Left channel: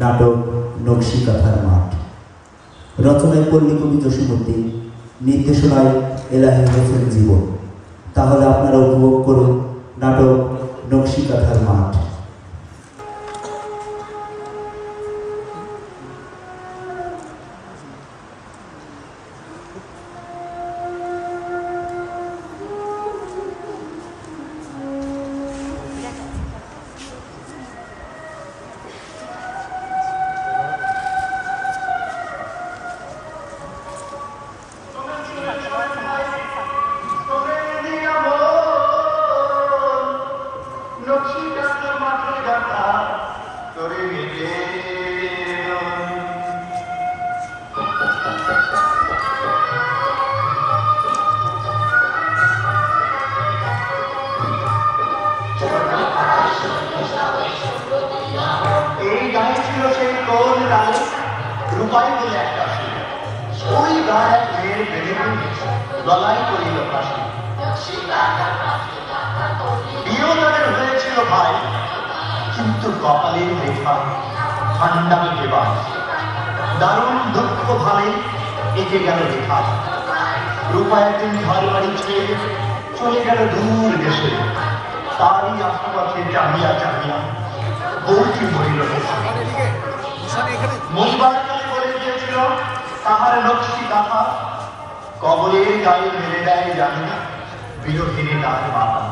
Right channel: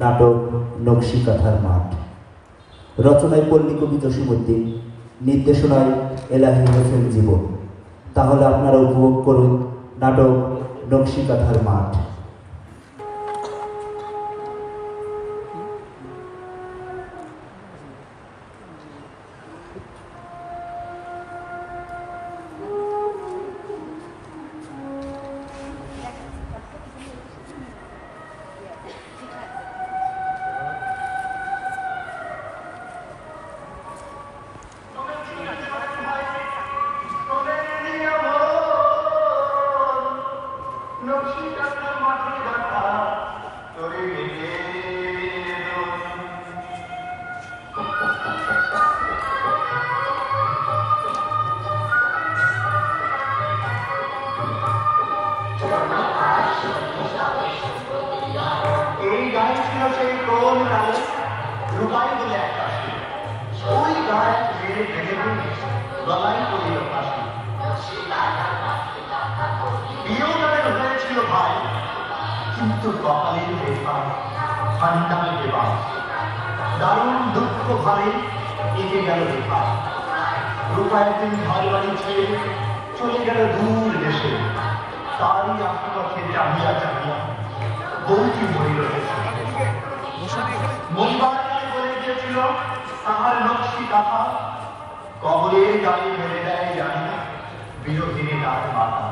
নাটক নকশিকাঁথার মাঠ। রচনায় পল্লী কবি জসীমউদ্দিন, নির্দেশনায় এলাহি হোসেন জীবন। তাহলে আপনারা উপভোগ করুন নাটক নকশিকাঁথার মাঠ। কবরের গায়ে মেরে দেয় জানি না বিরোধিনী তার বাবা।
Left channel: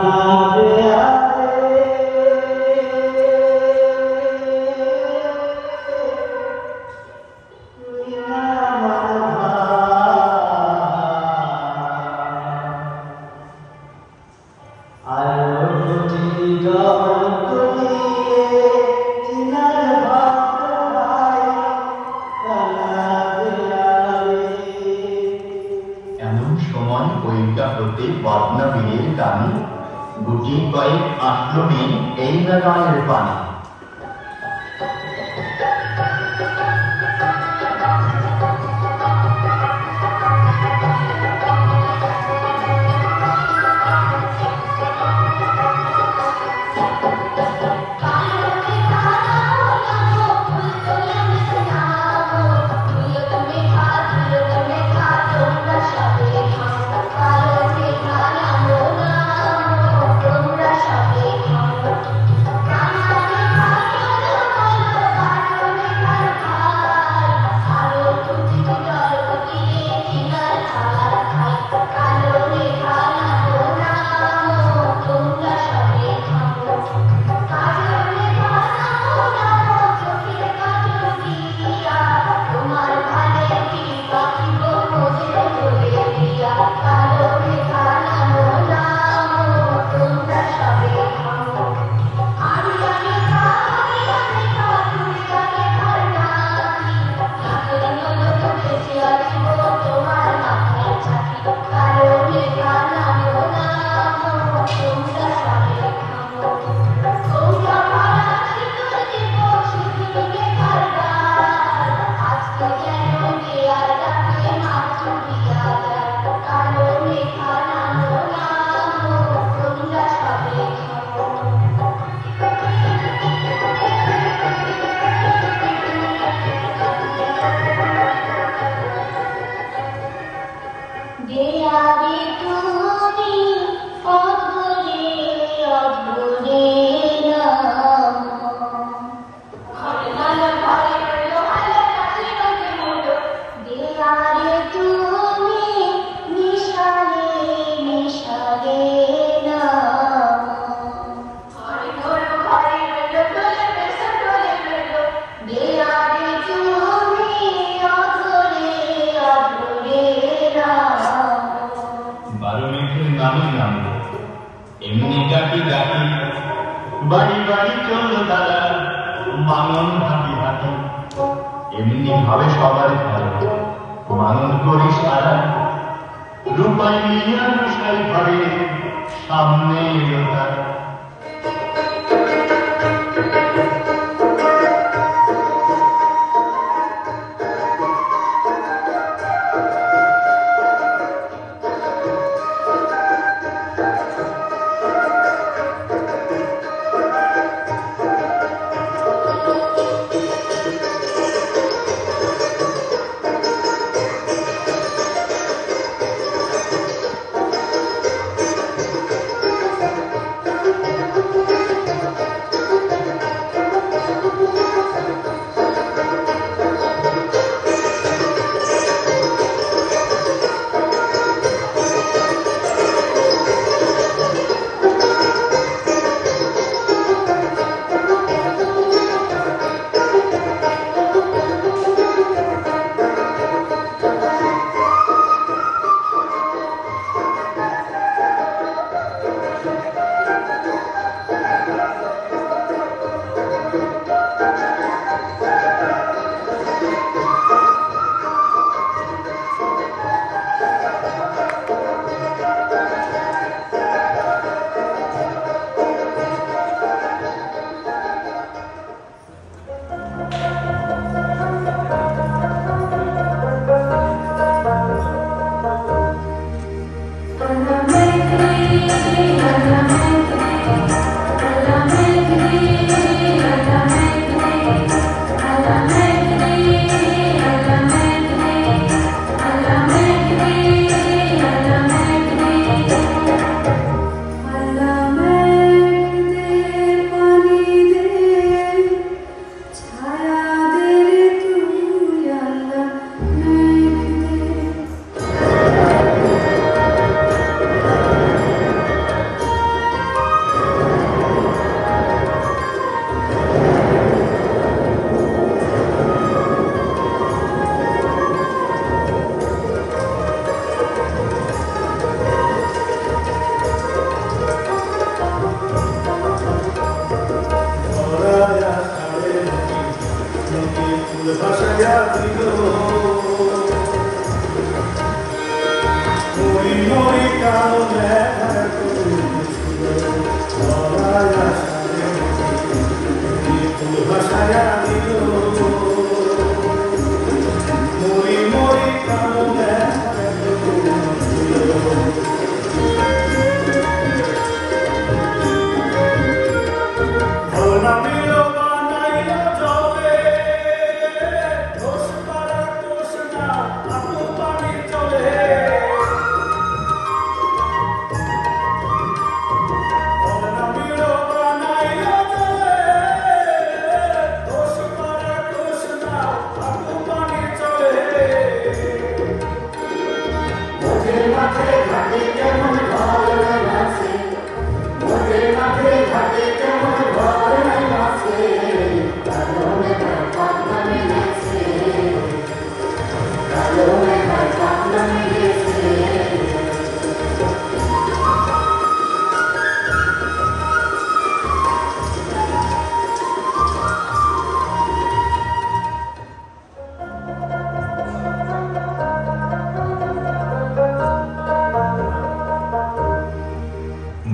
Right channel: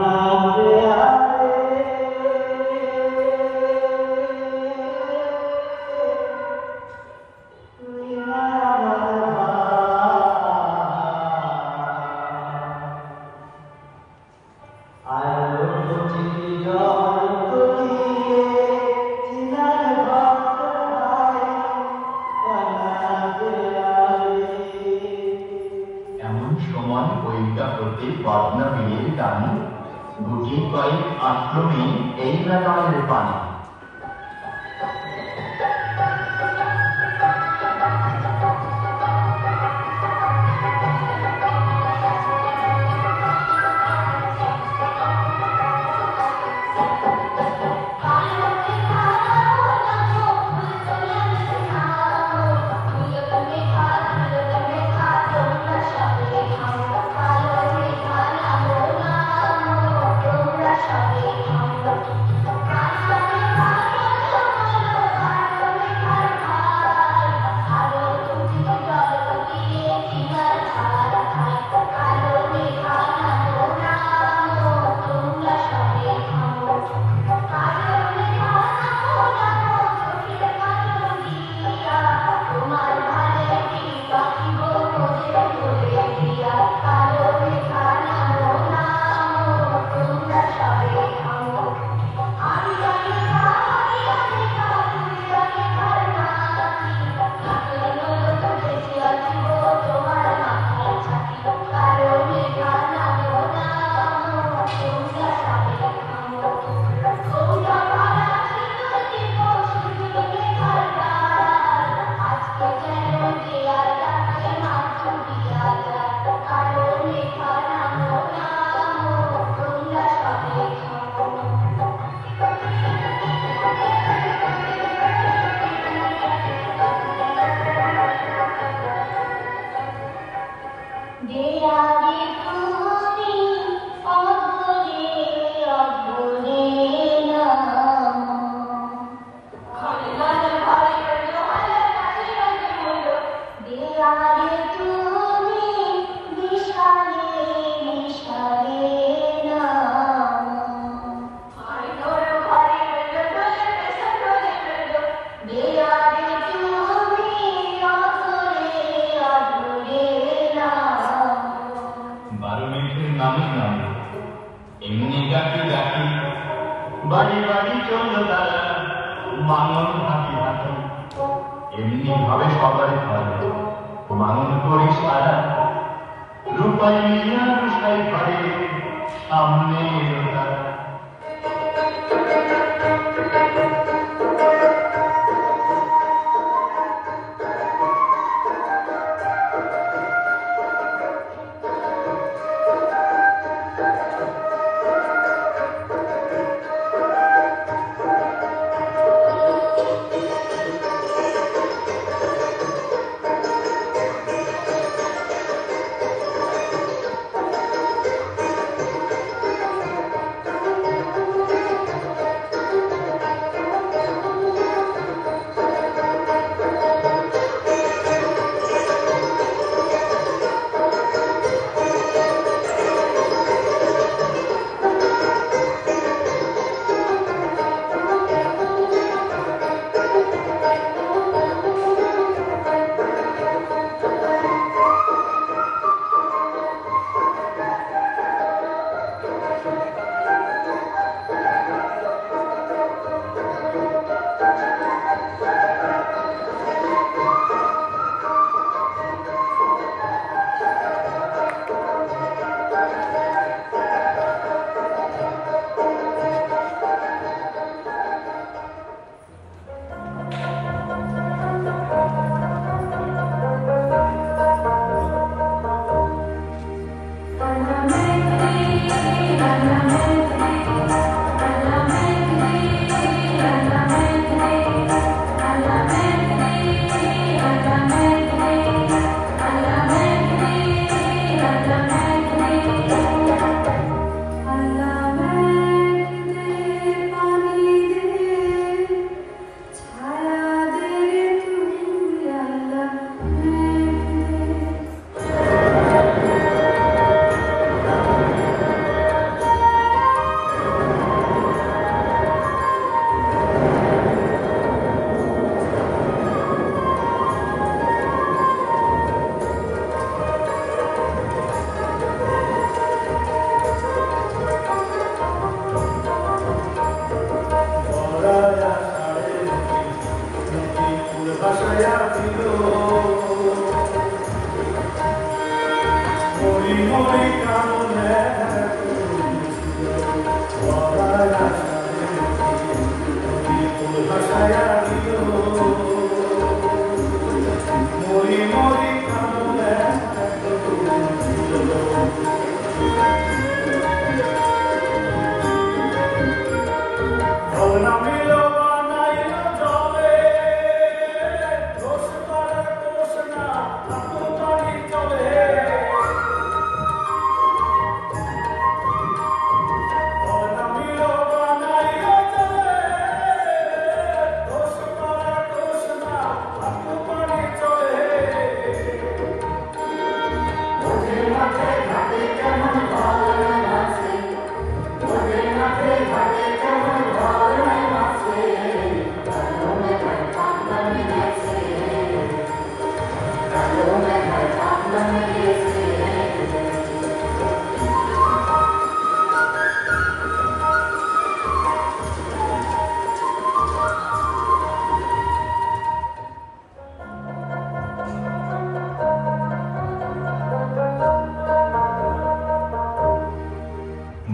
Thank you. ডাকি ডাকি বাড়ি বাড়ি চলল তারা মানন হাঁটি হাঁটি এমনি ভাবে সবার ঘরে মানন করি সারা রূপাই মিয়া রূপাই ঘরে সামনে এলো তারা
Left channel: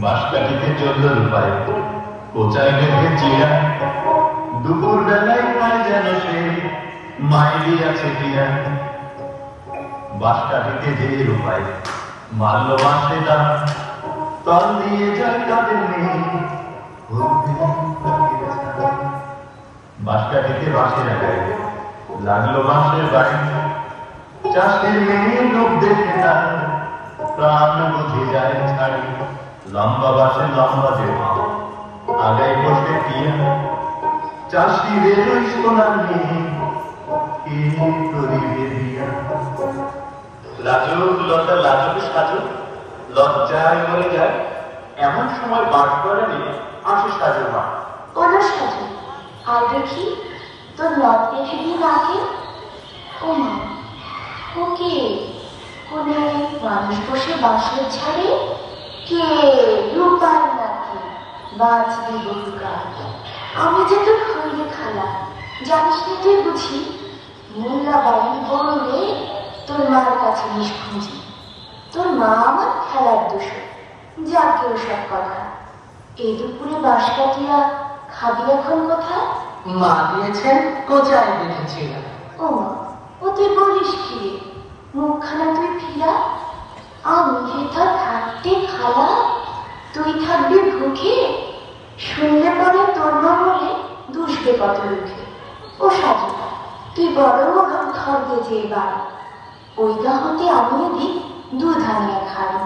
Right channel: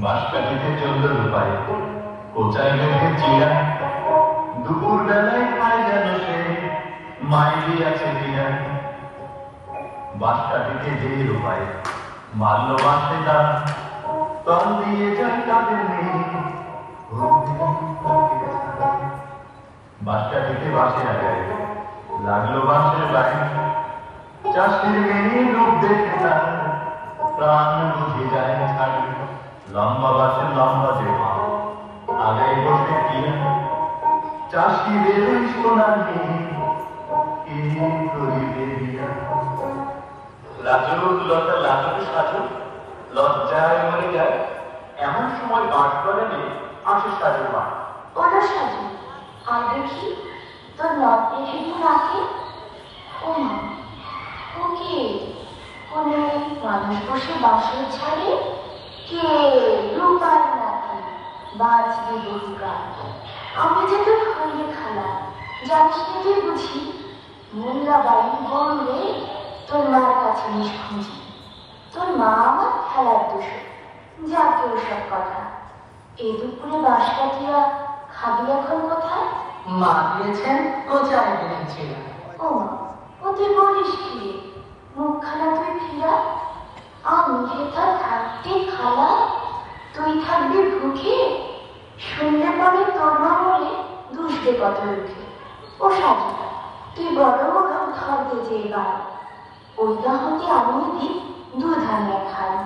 বাঁশকাঠিতে চলল রূপাই কোচায় বেঁধে চিরা দুপুর বেলায় খায় যেন সে মাইলি আছে দিয়া বাঁশকাঠিতে যে রূপাই মারল বাঁশে দান তল দিয়ে যায় তাদের নেই বাঁশকাঠিতে বাঁশের আগায় লাগলো বাঁশের বাড়ি চাষের মেয়ে লোক দেখে তার প্রাণ বুঝে যায় ছাড়ি লম্বা বাসের লম্বা যে মা আগায় বসে দিয়া চাষিদের ওই সোনা নিয়ে লাজুক লতা লাজুক সাজুক লজ্জায় মরে যায় এমন সময় পাঠ করে নিয়ে আসে সাজু মা ওরা সাজু আর দেখি তোর লজ্জে ফিরিয়ে রাখে ও মা ওকে কোনো মানুষ বসে বাসের ছাড়ে কে রূপার নাকি বাঁচবি বহুকাল। আমি যে তোর হইলে খালা, জানিস না তুই বুঝি? মোল্লা বাড়ি বললে তোর মার কাছে নিষ্খুঁজি। তোর মা আমার খেলার দোষর, যা কেউ সব কথা। এই দুপুরে বাঁশ কাটিয়া খাবি এখন কোথায়? মা দিয়েছেন, কোথায় দেখেছিলাম। ও মা, ও তুই বলিস কি রে? মুখখানা তুই ফিরা। আমি হেথা থাকতে খালা, তুই থাকবি ভুখে। শুনলে পরে তোর মা বলে দুষবে কত উঠে। ও সাজু, তুই বড় আমার ঘর গেছে এবার। ওই গা হতে আমি এদিক দুধ আনিয়া খাই।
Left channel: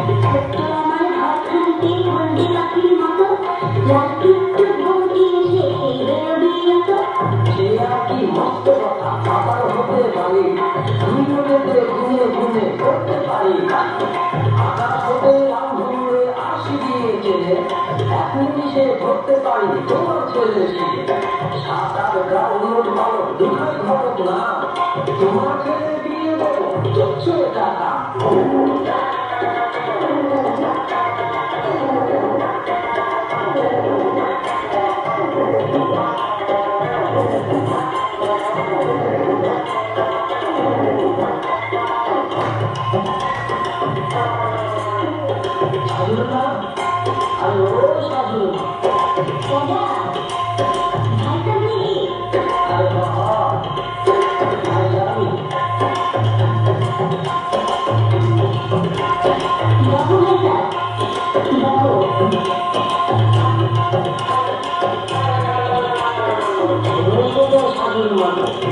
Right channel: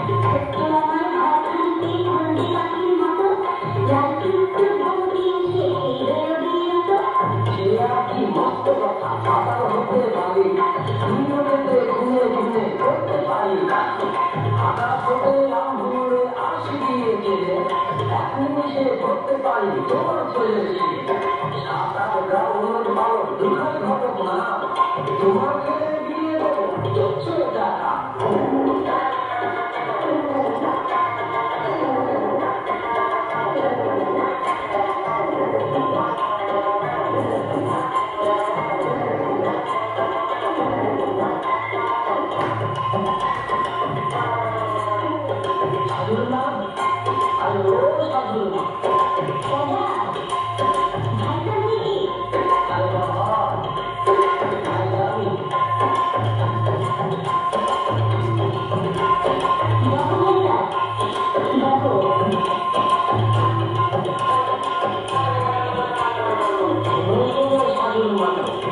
ছোট্ট আমার ঘরখানকে বন্দি পাখির মতো রাত্রি বন্দি এসে খেয়ে বিরত সে আর কি মস্ত কথা পাতাল হতে পারি আমি নদীতে ঘুরে ঘুরে করতে পারি আকাশ হতে রামধনুরে আসি দিয়ে চলে এখন সে ধরতে পারি তোমার ছেলে সাত আট গ্রাম উন্নত পালক দুঃখের ঘটক না তোমার ছেলে বিয়ে দেবো চলছে টাকা সাধুরমা আরে ও সাধুরমা আরে বাবা ভাই আমি সাধুরমা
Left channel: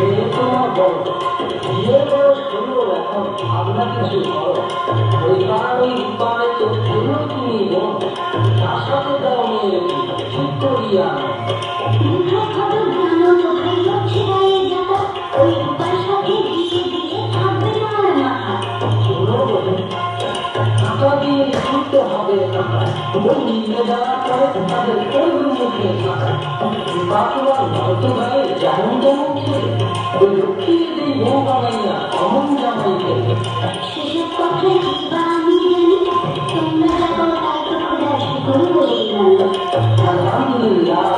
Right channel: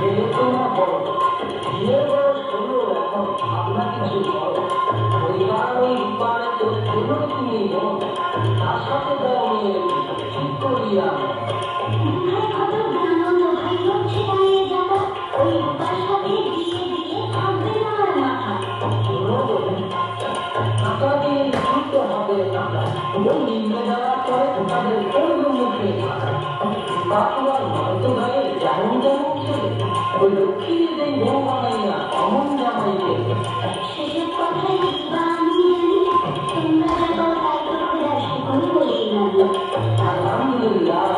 মেয়ে তোমার বড় বিয়ের বয়স হলো এখন ভাবনা কিছু করো ওই পারে তো শুনো তুমি বোন তার সাথে দাও মেয়ের ঠিক করিয়া টাকা দিয়ে ছুটতে হবে টাকা ওই নিয়ে যাওয়া পরে তাদের করবে মুখে টাকা বাকুয়ার হয়তো গায়ে যেমন যেমন ছিল ওই লক্ষ্মী দেই বউ বানাইয়া অমন জামাইকে সেসব কথাই বা আমি জানি তোমরা যখন কাউকে খুঁজে কোনো বলেই না আলহামদুলিল্লাহ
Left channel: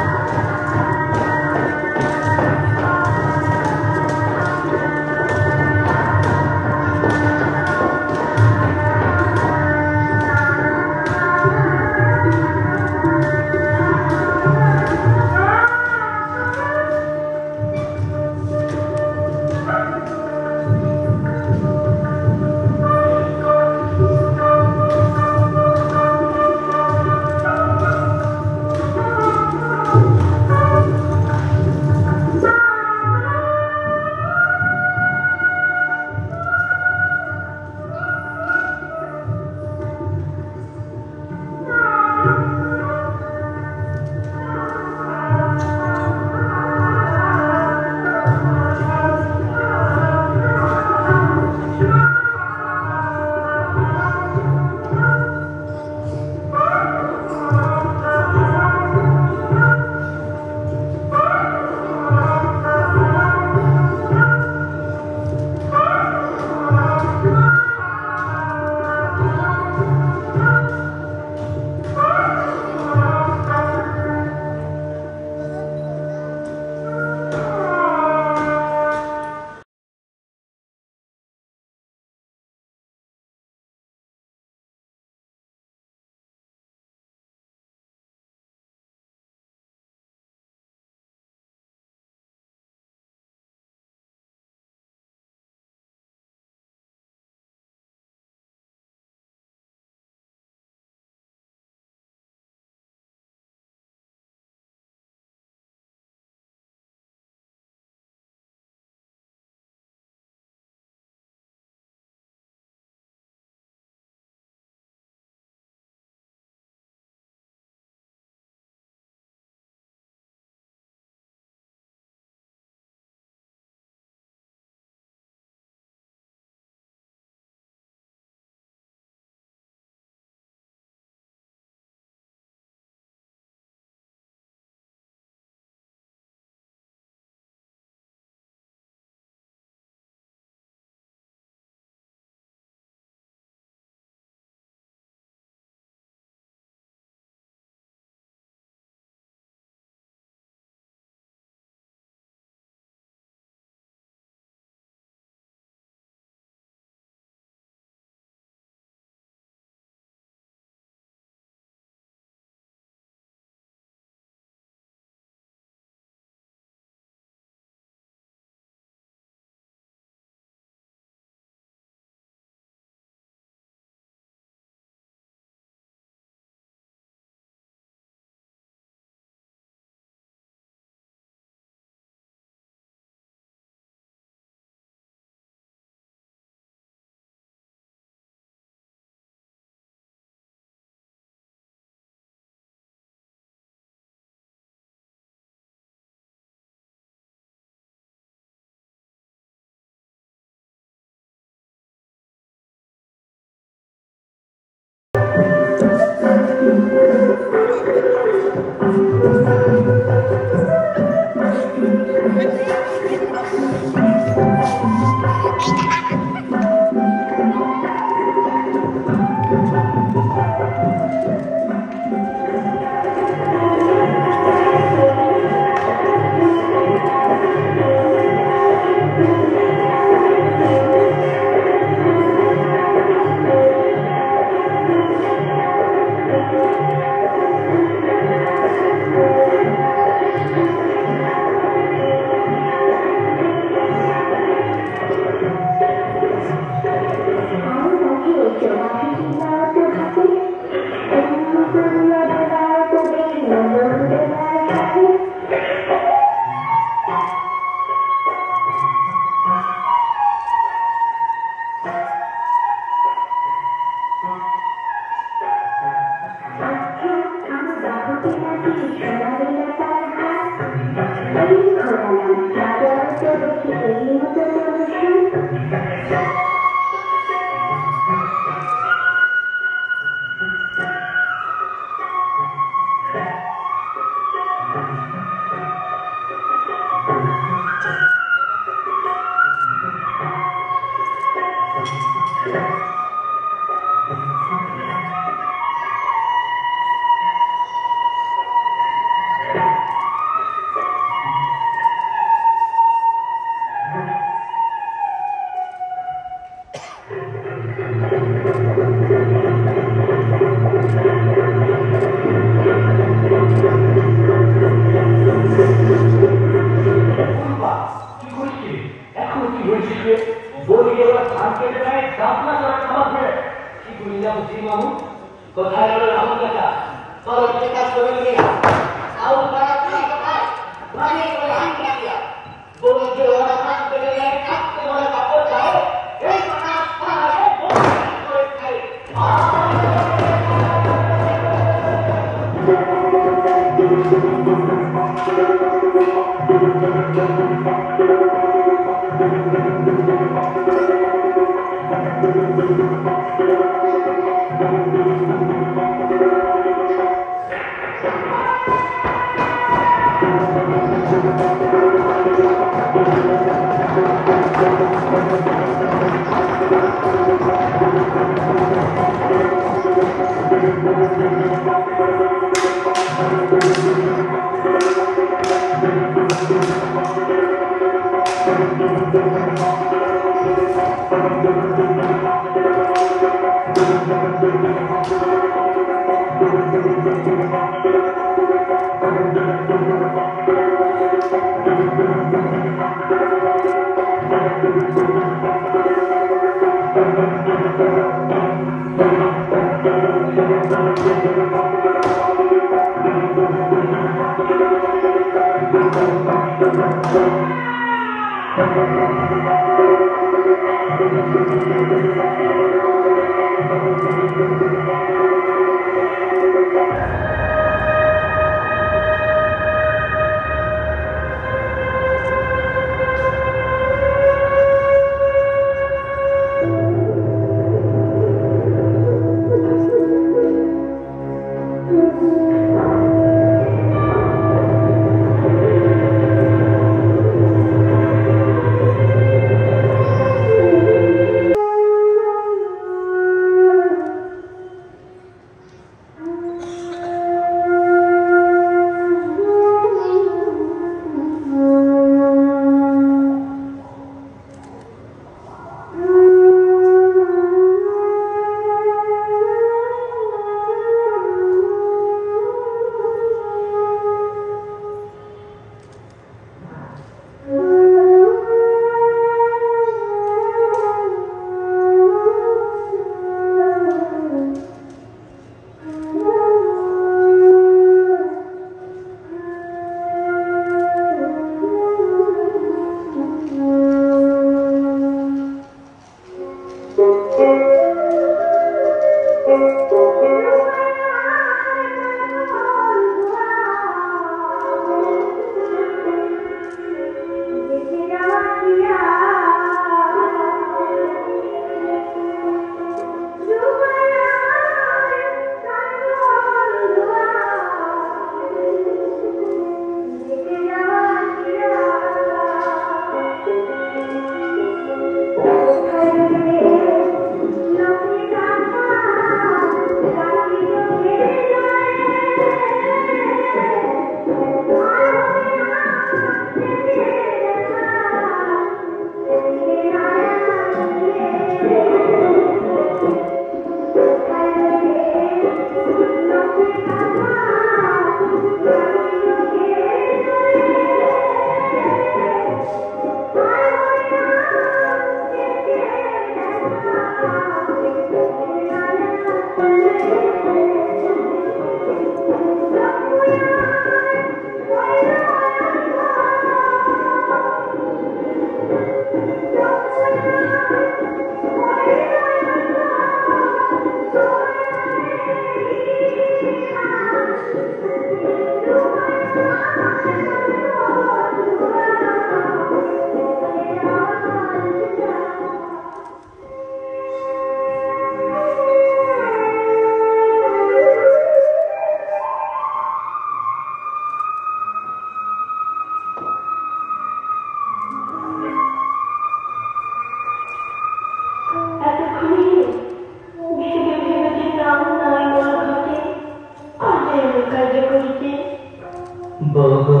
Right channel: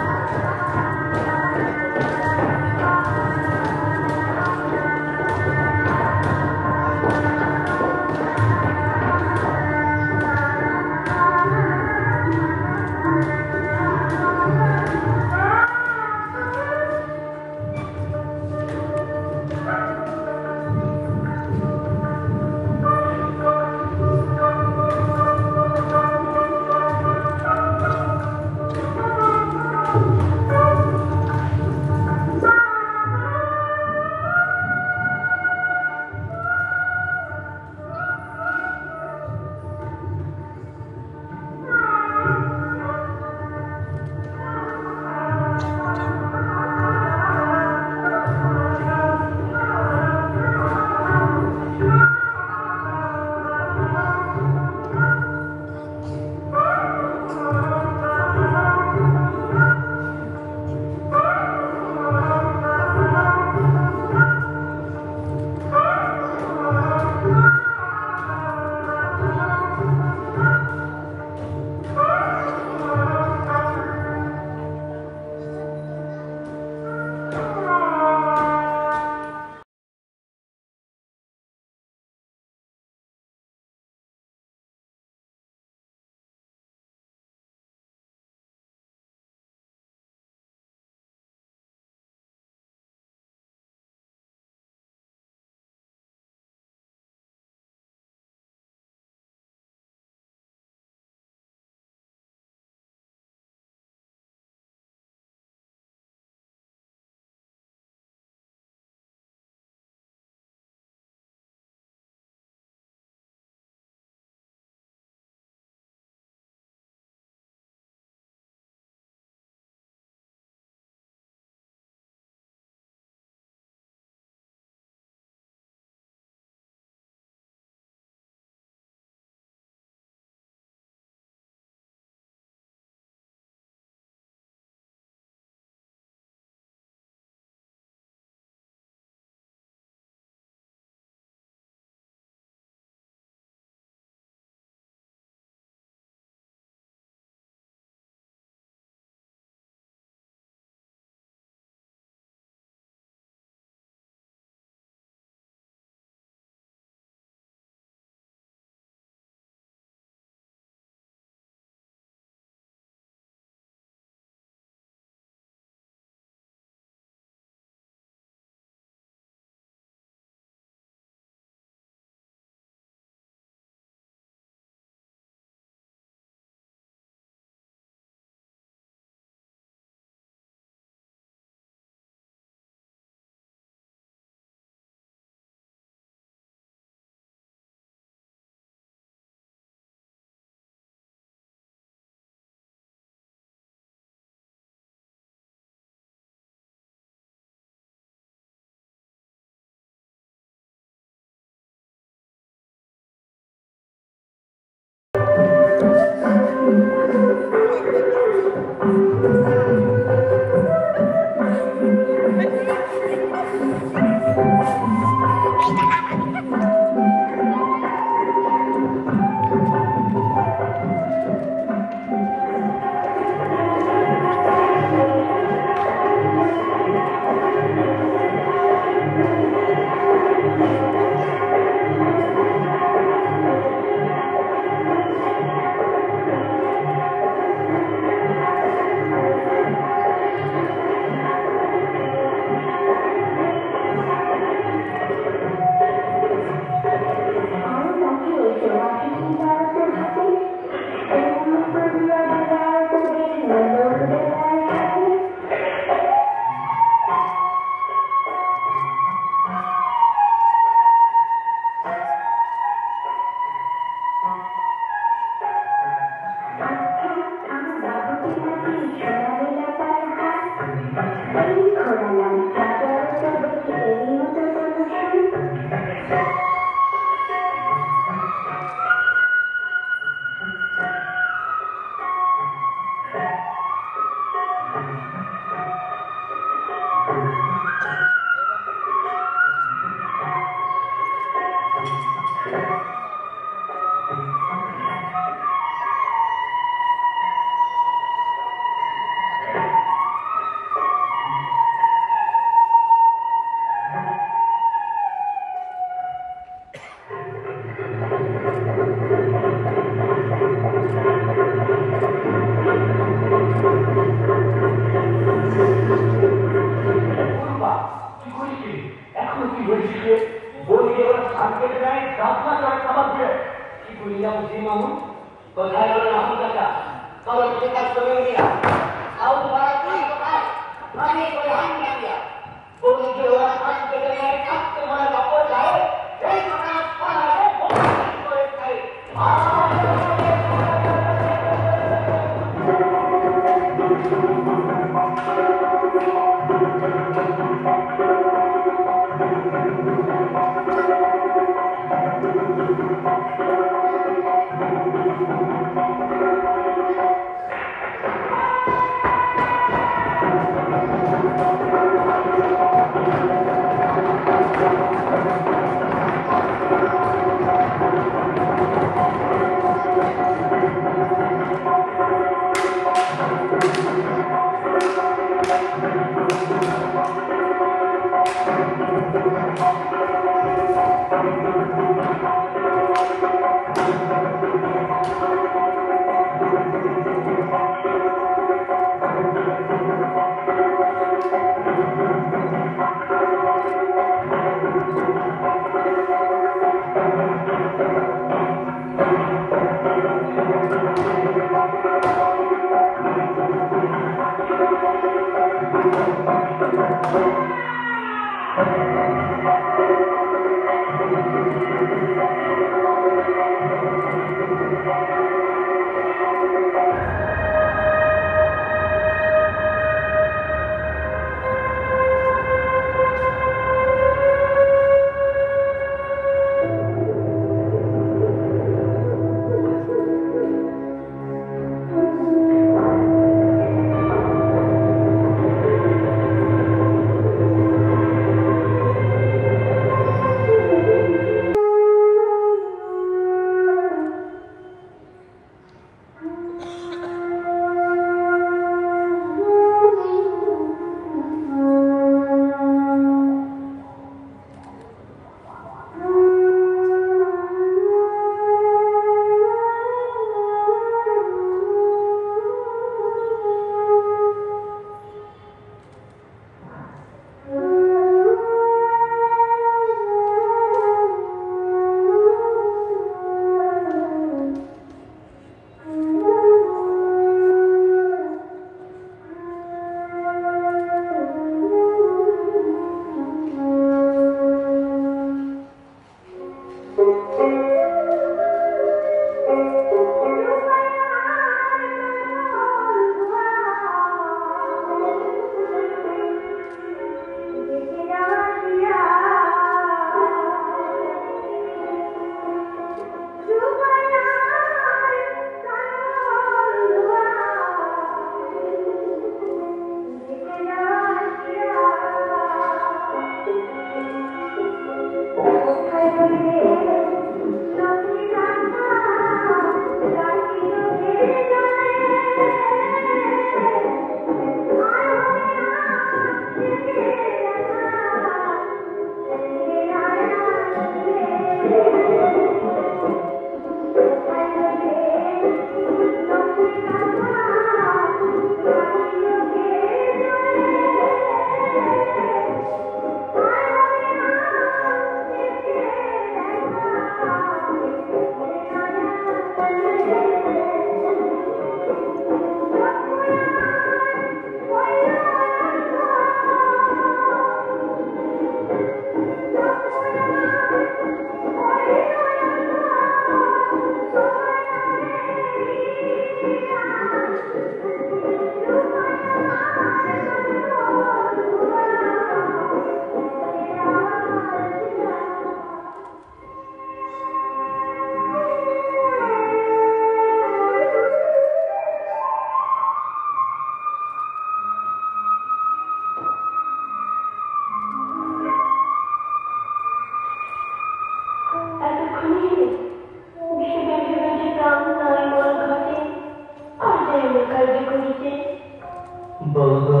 ওগো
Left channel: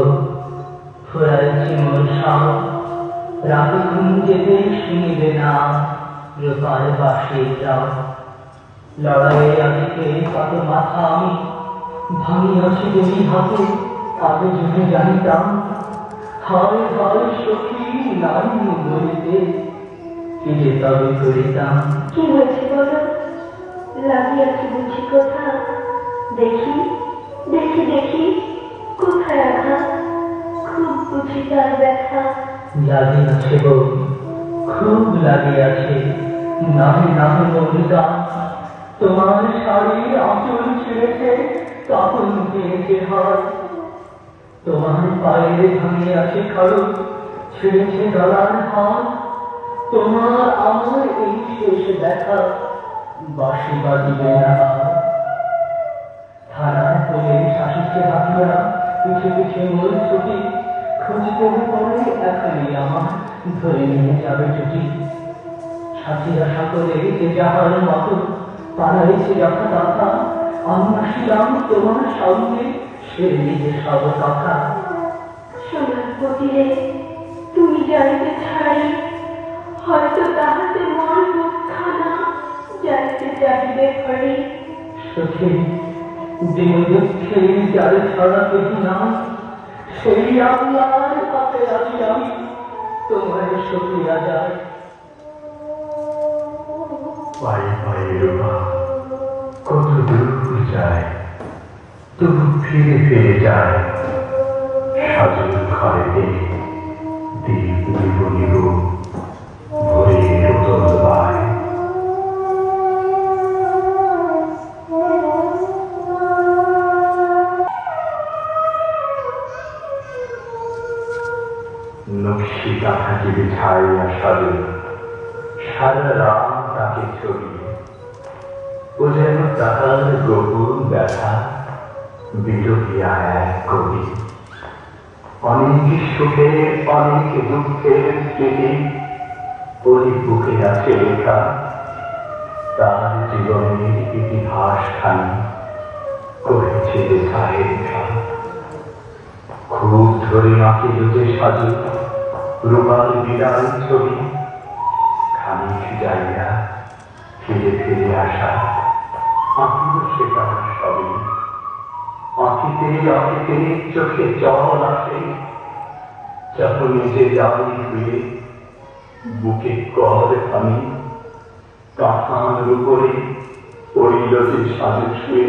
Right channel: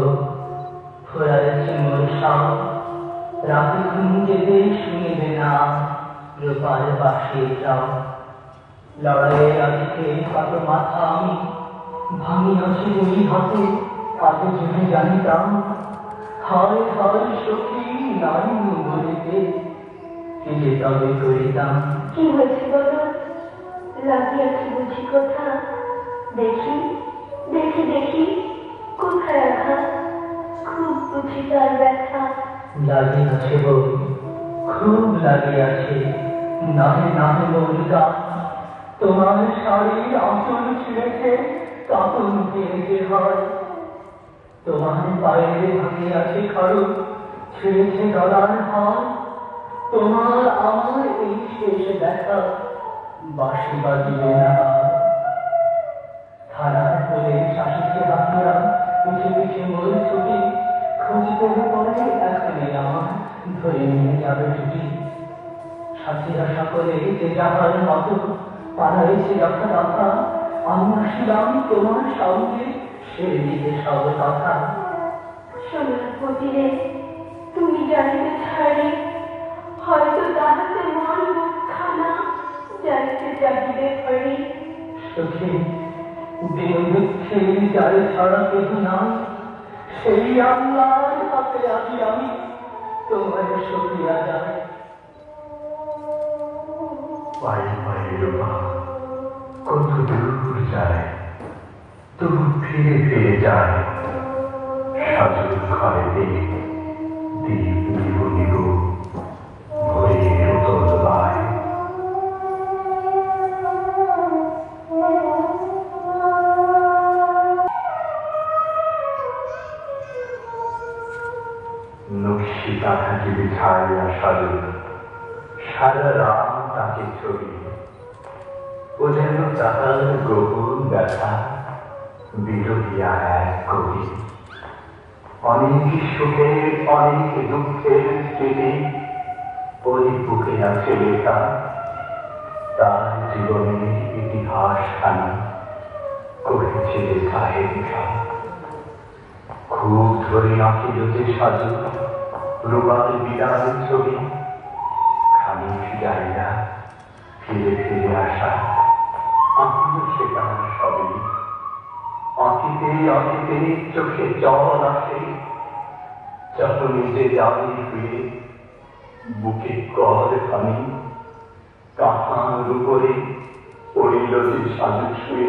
ফুরাইছে মোর সাও রাতে ঘুম যেতে শুনিবে না রূপার বাসে যাও লড়াইয়ে আজকে কত মাথা আমি ভাঙিয়াছি যদি হাতে আগে যদি জানিতাম হয় হয় সখী নারী বলিতে কি যে তবে করিতাম। কি হয়েছে বলো? লাগিয়াছে বুঝি কথা? দেখি দেখি দেখি কোথায় আঘাত? খুব বুঝি তার ব্যথা। লাগিয়াছে বই খুব লাগিয়াছে নাহে নাহে মৌলিকা তোমার শাড়ির আঁচল ছিঁড়েছে তখন দিয়েছে হয় তোমার পায়ের ভাঙিয়াছে খড়গ ছিঁড়েছে গলার হাত তোমার আমার এই শেষ দেখা বাঁশি বাজিবে না থানার তোলে শাশুকে হাতিয়া পিছে পিছে মোর ছুটি খুঁজতে পড়ে এখানে আমার ধরে নিয়ে যাবে ছুটি সাথীরা সকলে যে যাহার মতো পাড়াইছে যথা তথা আমি আসিলাম তোমার সঙ্গে সে নিজে সব কথা। সোনার পতিরে তুমি যাইতে ছাড়ি হয়তো তাহাতে মন মুখখানা যাইতে চাহিবে ঘরে। সখী দিন দুঃখে যার ছাড়া কেহ না সেই আল্লাহর হাতে আছি আমি তোমার সখিয়া যায়। পায়ে পায়ে রোমা কত দূর যায় তবু ফিরে ফিরে যায় সাজুর ঘরে দীপ নিব নিব ভরে রতন বায়। নকশি কাঁথাটি বিছাইয়া সাজু সারা রাত তাকে ছবি ও যেন তাহার গোপন ব্যথা বিলোকিয়া এক কবি। অনেক সুখের অনেক দুঃখের স্মৃতি ওই বুকে আছে লেখা তার জীবনের ইতিহাস খানি করেছে লেখায় লেখা। খুব ধরে আঁকিল যে সাজু রূপার বিদায় ছবি খানিক জায়গা ফিরে ফিরে আসা আঁকিল সে তার সবই আঁকিতে আঁকিতে চোখে জল আসে যখন নিজে যাই ফিরে বুকে কর আমি তাহার উপরে পড়িল যে সাজু শুয়ে।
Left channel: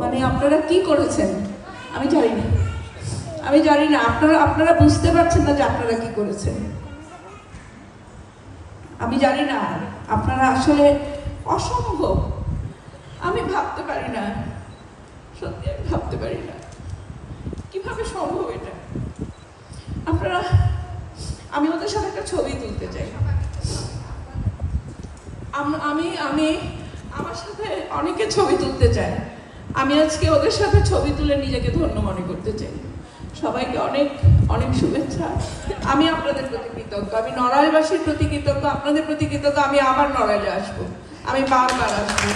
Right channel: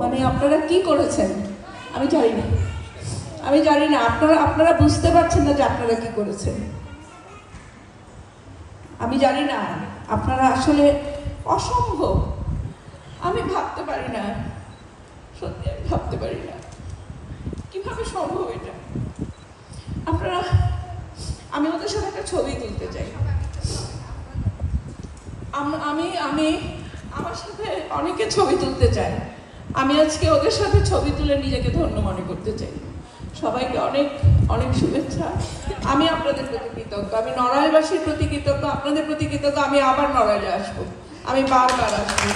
মানে আপনারা কি করেছেন আমি জানি না, আমি জানি না। আপনারা বুঝতে পারছেন না যে আপনারা কি করেছেন। আমি জানি না, আপনারা আসলে অসম্ভব। আমি ভাবতে পারি না, সত্যি আমি ভাবতে পারি না কিভাবে সম্ভব এটা। আপনারা, আমি ওদের সাথে একটা ছবি তুলতে চাই। আমি আমার সাথে অনেকে ছবি তুলতে চায়। আমি আজকে ওদের সাথে ছবি তুলে নিজেকে ধন্য মনে করতে চাই। সবাইকে অনেক অনেক শুভেচ্ছা। আমি আপনাদের প্রতি কৃতজ্ঞ, আমি নড়াইলবাসীর প্রতি কৃতজ্ঞ, আপনাদের প্রতি কৃতজ্ঞ। আমি আবার নড়াইলে আসবো, আমি বারবার আসবো।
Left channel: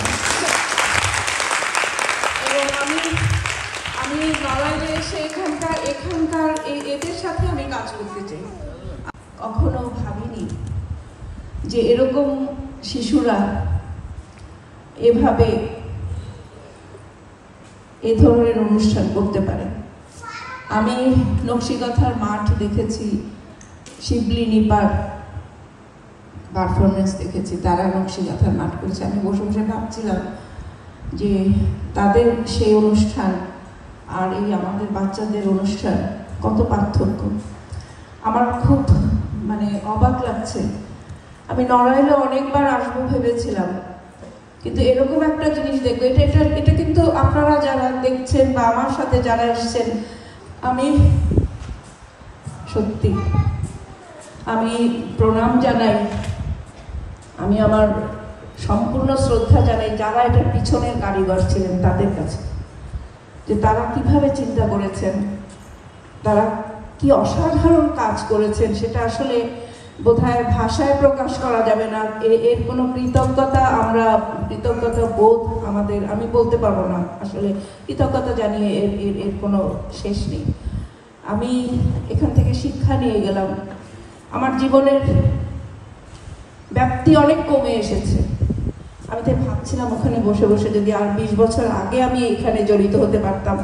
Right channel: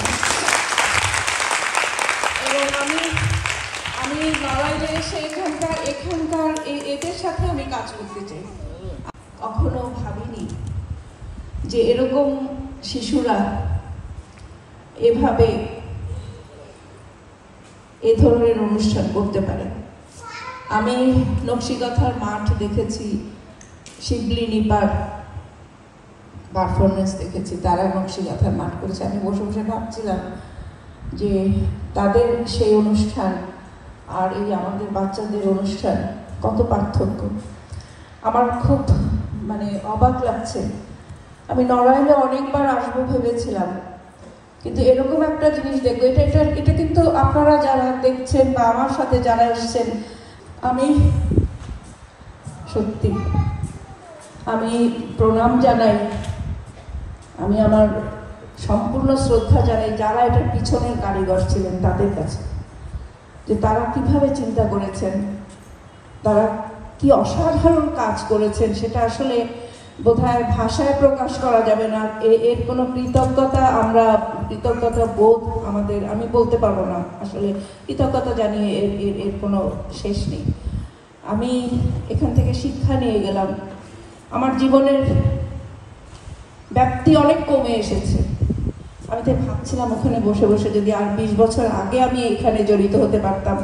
এবং আমি নড়াইলে এসে এখানকার এদের সাথে আমি কাজ করতে চাই। কখনো ভাবিনি যে এরকম শিশুরা এভাবে এ ধরনের অনুষ্ঠান করতে পারে। আমি নকশিকাঁথার মাঠ দেখেছি, শিবলি নিপার পারফরমেন্স দেখেছি, তারা নকশিকাঁথার মাঠ করেছে। আমি বসে বসে ভাবছিলাম যে তাদের সেই অনুষ্ঠান আর এই আমাদের বাচ্চাদের অনুষ্ঠান কত পার্থক্য। আমার খুব মানে অবাক লাগছে। আমি নড়াইলে অনেকবার আসবো ভেবেছিলাম, কিন্তু এরকম একটা জিনিস দেখবো, এটা কিন্তু আপনারা যারা দেখছেন বা আমার সাথে যারা এসছেন, আমি সত্যি আমি প্রণাম জানাই, আমি আমার সম্পূর্ণ শ্রদ্ধা জানাই যারা এটার পিছনের কারিগর ছিলেন তাদের কাছে, যে তারা কিভাবে চিন্তা করেছেন, তারা কি অসাধারণ কাজ করেছেন। সেটা আসলে বোধহয় ভাষায় প্রকাশ করা যাবে না। এর কোনো কৃতজ্ঞতা বোধ আমাদের, আমি বলতে পারবো না আসলে। কৃতজ্ঞতা জানিয়ে এর কোনো শেষ নেই। আমি এখান থেকে শিক্ষা নিয়ে গেলাম। আমার জীবনের ব্যাপ্তি অনেক কমে এসেছে। আমি তাই ভাবছিলাম ওখানে বসে বসে যদি আর 20 বছর আগে আমি এখানে জড়িত হতে পারতাম,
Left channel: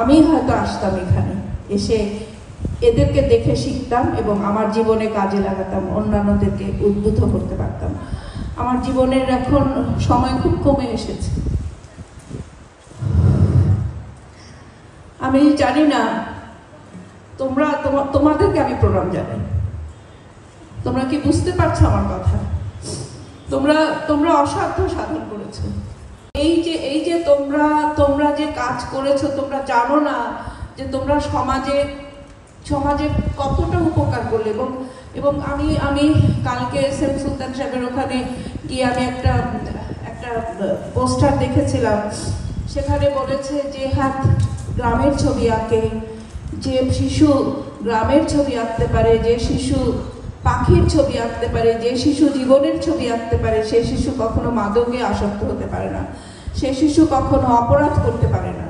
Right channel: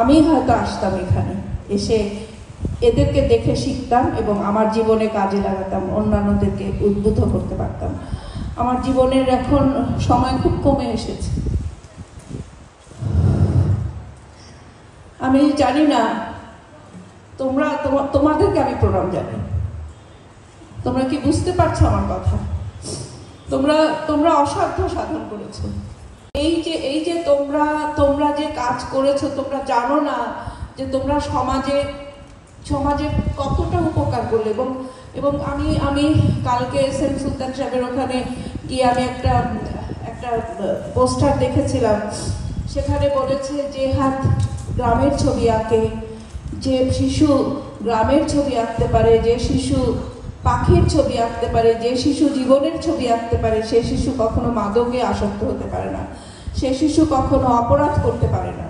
আমি হয়তো আসতাম এখানে, এসে এদেরকে দেখে শিখতাম এবং আমার জীবনে কাজে লাগাতাম, অন্যান্যদেরকে উদ্বুদ্ধ করতে পারতাম। আমার জীবনের এখন সময় খুব কমে এসেছে। আমি জানি না, তোমাদেরকে আমি প্রণাম জানাই। তোমরা কি বুঝতে পারছো আমার কথা? তোমরা অসাধ্য সাধন করেছো। এই যে তোমরা যে কাজ করেছো, তোমরা জানো না যে তোমরা সমাজে কতটা উপকার করলে। এবং আমি কালকে এসএম সুলতান সাহেবের ওখানে গিয়ে আমি একটা পোস্টার দেখেছিলাম। সেখানে বলেছে যে হাত গ্রামের ছবি আঁকে, যে শিশু গ্রামের ছবি আঁকতে পারে, যে শিশু পাখির ছবি আঁকতে পারে, যে শিশু জীবনের ছবি আঁকতে পারে, সে শিশু কখনো মাদকে আসক্ত হতে পারে না, সে শিশু কখনো অপরাধ করতে পারে না।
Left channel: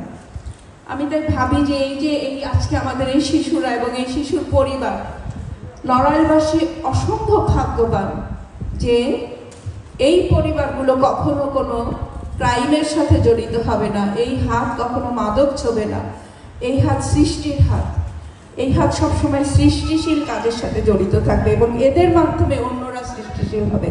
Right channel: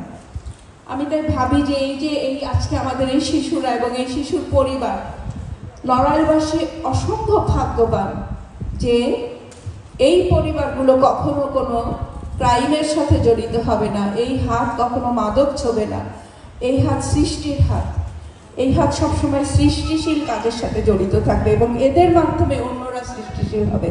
আমি তাই ভাবি যে এই আজকে আমাদের এই শিশুরা এবং এই শিশুর পরিবার, নড়াইলবাসী অসম্ভব ভাগ্যবান যে এই পরিবারগুলো কখনো কোনো ক্রাইমের সাথে জড়িত হবে না। এই হাত কখনো মাদক ছোবে না। এই হাত সৃষ্টির হাত, এই হাত সবসময় সৃষ্টিশীল কাজের সাথে জড়িত থাকবে এবং এদের মাধ্যমে অন্যরা সৃষ্টিশীল হবে।